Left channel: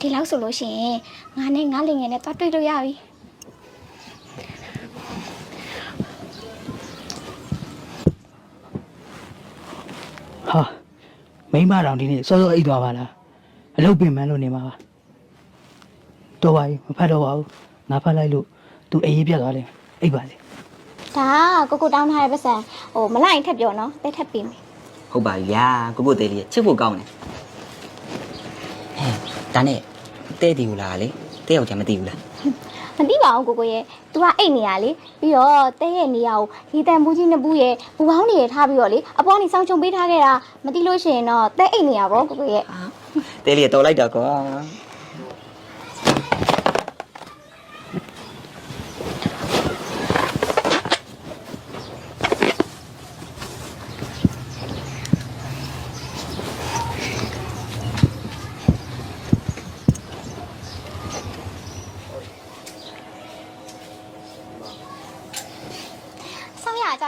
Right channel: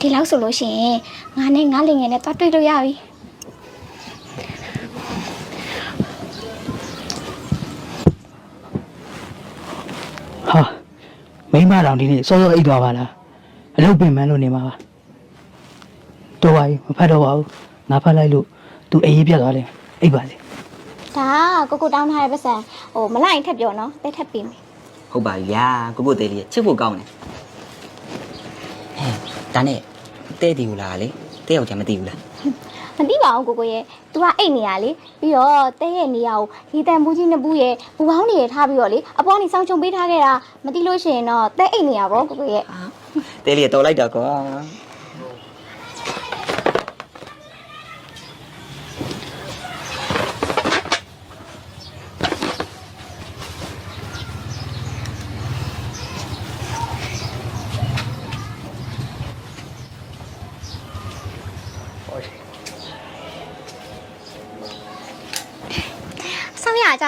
ဒီလောက်ဆိုလို့ရှိရင်ငါနဲ့ငါလင်ငယ်နဲ့သွားတွေ့လို့ရပြီဟာမိမတောင်ဒီနေ့စောစောအိတ်သွားပါလားအလုပ်ပင်မန်းလို့နေမှာပါတော်ပါပြီမဖတ်တော့ပါဘူးငါဖတ်လိုက်လို့သူအေးရေးပြတ်သွားတယ်အိတ်ပါလေဒါကကိုကိုတောင်းထားတဲ့ပတ်စံဟိုမလိုက်ရင်ထပ်ပြောနော်တဲထပ်ပြီးမယ်ဟုတ်ပါပြီဗျာကိုကိုသေးလေးချစ်ဖို့ကောင်းတယ်ဟဲ့ဒါနဲ့ တဲတီကိုလာလေတဲယောက်ျားမသိဘူးလားမသိပါဘူးကိုကိုရဲ့ तू ကအိတ်နေရလေပြီးတော့တဲရဲ့နေရာကိုဒီတန်ဘူးကြီးနှစ်ဘူးရဲ့ဘူပေါင်းတွေထားပြီးတော့လေအပေါ်ကနေစောင်းချုံပေးထားခဲ့တာမသိလို့ရှိရင်တော့တဲအိတ်နေရပါကိုကိုရဲ့တဲလေးကတော်လိုက်တာကွာ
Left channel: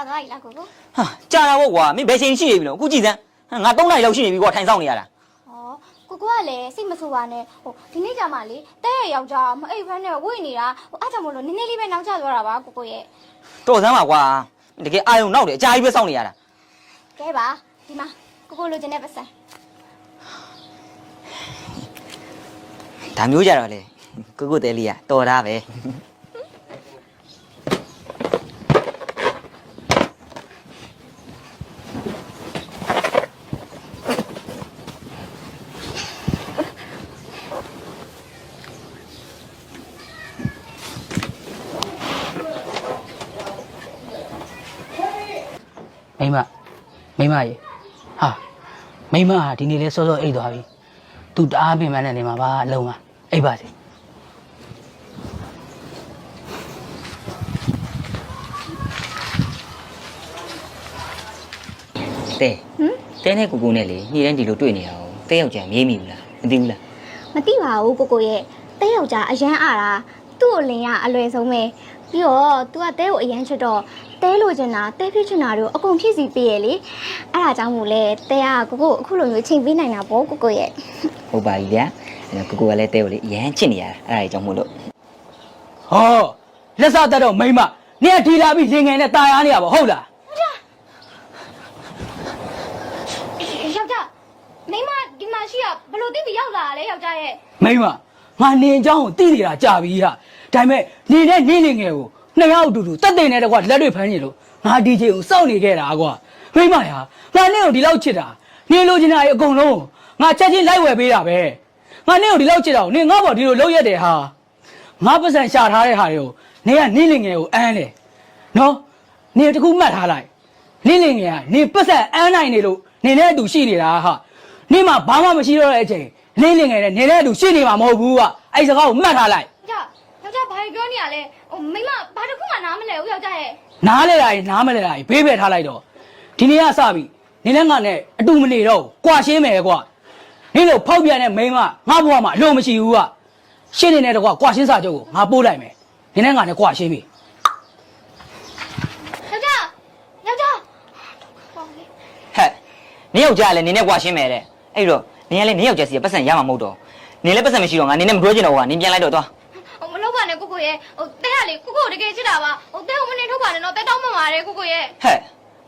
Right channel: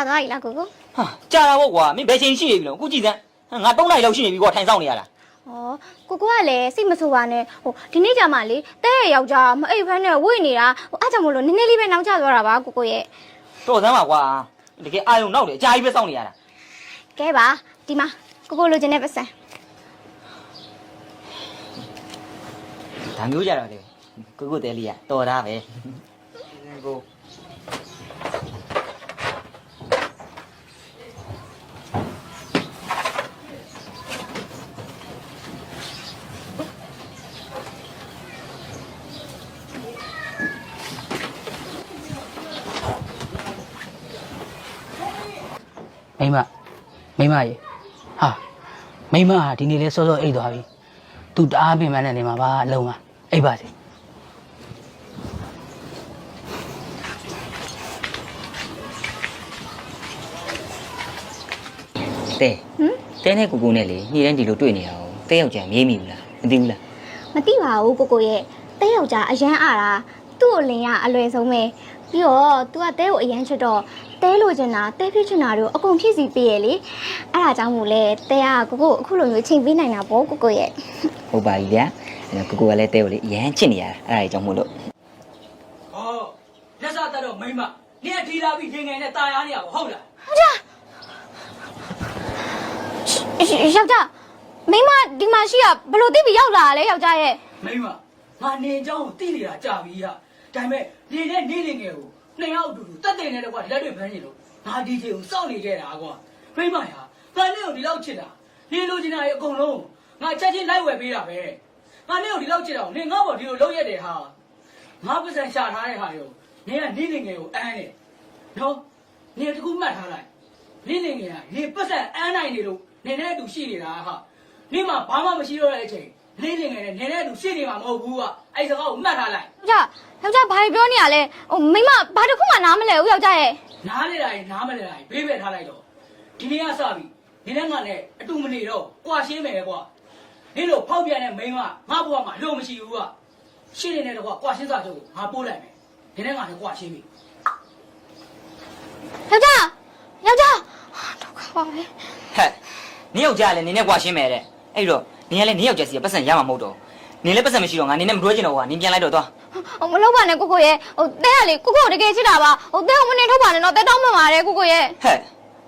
ကြသွားပြီလားကိုကိုဟာကြာတာပေါ့ကွာမင်းဘယ်ချိန်ရှိနေပြီလို့အခုကြည့်စမ်းငါ၃နိုင်လောက်ရှိနေပြီကွာထိုင်ဆောင်နေရတာဩကိုကိုကလည်းစိတ်မဆိုးပါနဲ့ဟိုဒီနေ့ကြမှာလေတဲရဲ့ယောက်ျားမအိပ်ဖမ်းနဲ့ဝိတ်နေတာဟိုအားကြောင့်မလို့နည်းနည်းလေးပဲနောက်ကျသွားတာပါကိုကိုရဲ့တော်စမ်းပါကွာတကယ်အာယုံနောက်တယ်အကြာကြီးပဲစောင့်နေရတာကဲပါဒီမှာကိုကိုလိုချင်တဲ့ပတ်စံဒါမျိုးကြတော့လေကိုကိုတဲလေးကတော်တာပဲ မိမမိမရေဟာမိမဟာဒီနေ့လဲစောစောအိတ်သွားပြီသူတအားပင်မန်းနဲ့နေမှာပါအလုံးကအိတ်ပါစေတဲတဲနဲ့ကိုကိုနဲ့လေညှိတိုင်းဒီလိုတွေ့နေရအောင်တဲယောက်ျားမြေးမိဘူးလားမသိဘူးလားမသိပါဘူးကိုကိုရဲ့တဲယောက်ျားအရန်အားတာသူ့ကိုလင်ရအလွယ်ဆုံးပဲပြီးတော့ तू ကတဲကိုအရန်ချစ်တော့ တဲလိုချင်တာတဲဖြစ်ချင်တာတို့အကုန်ဖြစ်စီပေးရလေအဲ့ဒါကြောင့်မို့လဲတဲကကိုကိုကိုအခုလိုမျိုးချိန်ပေးနိုင်တာပေါ့ကိုကိုရဲ့ ဟုတ်ပါပြီဗျာအဲ့တော့ကိုကိုကလည်းတဲကိုလေအရန်ချစ်နေရတာအဲ့ဒါကြီးကြောင့်မို့လို့ ဟောလက်စားတတ်တော့မိမနင်ကဒီလာပြီးလင်ငယ်နဲ့ตายရနေရပါဟုတ်လား ယောက်ျားမိမဒီမှာရှိရဘလို့တိပြီးရောက်လာလဲယောက်ျားရဲ့ မိမငါနင်အကြောင်းကိုသိနေတာကြာပြီဟာဒါပေမဲ့နေနဲ့နေလင်ငယ်ကို နှစ်ယောက်အတူတူတက်တဲ့နဲ့တကွာလက်တွေဖမ်းနေလို့ငါဒီချိန်ကိုစောင့်နေခဲ့တာကွာမိမရာငါနင့်ကိုဒီလောက်ချစ်တာနင်လိုချင်တာအကုန်လုံးငါချက်ချင်းလိုက်ဝယ်ပေးတာပဲငါနင့်ကိုဒီလောက်ချစ်တာကိုနင်ငါ့ဘော်ဒီလိုလုပ်ရက်တယ်ဟာငါပတ်စံရှာထားတဲ့ဟာတွေကိုနင်ကနေလင်ငယ်ကိုအမ်းတယ်နော်နင်တခုမှတ်ထားလိုက်နေလင်ငယ်ကနင်ပတ်စံအမ်းနိုင်နေလို့နင်နဲ့အတူရှိနေတာဟာနင်မှဘာမှမရှိတော့တဲ့အချိန်နေလင်ငယ်နဲ့နင်နဲ့အတူရှိနေမှာမဟုတ်ဘူးကအဲ့စကားကိုမှတ်ထားလိုက်ယောက်ျား ယောက်ျားဘာပြောနေရလဲဟိုမိမဘာတစ်ခုမှနားမလဲဘူးယောက်ျားရဲ့နားလဲတာကြီးနားမလဲတာကြီးဘေးပဲထားလိုက်တော့ဒီနေ့ကစပြီနင်းနဲ့ငါနဲ့အတူမနေတော့ဘူးကွာရှင်းမယ်ကွာနင်းတို့ဖောက်ပြန်တဲ့မိန်းမငါဘဝမှာအလို့မရှိဘူးကရှင်းနေတဲ့တကွာကွာရှင်းစာချုပ်ကိုငါပို့လိုက်မယ်နင်းနဲ့ငါနဲ့ကွာရှင်းပြီယောက်ျားယောက်ျားဒုက္ခပါပဲဟဲ့နင်းယောက်ျားလည်းနင်းနဲ့ကွာရှင်းမယ်တဲ့အဲ့တော့နင်းကလည်းနင်းယောက်ျားစီကပတ်စံရမှာမဟုတ်တော့နင်းလည်းပတ်စံမရှိတော့ငါနင်းနဲ့မပြောချင်တော့ကွာနင်းပြန်လိုက်တော့သွား ဟိုမလုပ်ပါနဲ့ကိုကိုရဲ့ဟိုတဲကလေကိုကိုတကယ်ချစ်တာပါဟိုတဲကိုမနေထုတ်ပါနဲ့တော့တဲတောင်းမှမှာတယ်ကိုကိုရဲ့ဟဲ့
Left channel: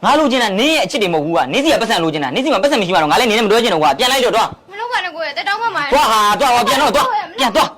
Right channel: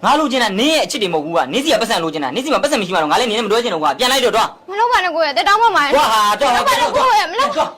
ငါလိုချင်တာနင်းရဲ့အချစ်တွေမဟုတ်ဘူးကနင်းစီကပတ်စံလိုချင်တာနင်းစီမှာပတ်စံမရှိမှတော့ငါလည်းနင်းနဲ့မပြောချင်တော့ကွာပြန်လိုက်တော့သွားမလုပ်ပါနဲ့ကိုရဲ့တဲတောင်းမှမှာသွားဟာသွားဟာပြန်တော့သွားကိုရဲ့မပြန်လုပ်သွား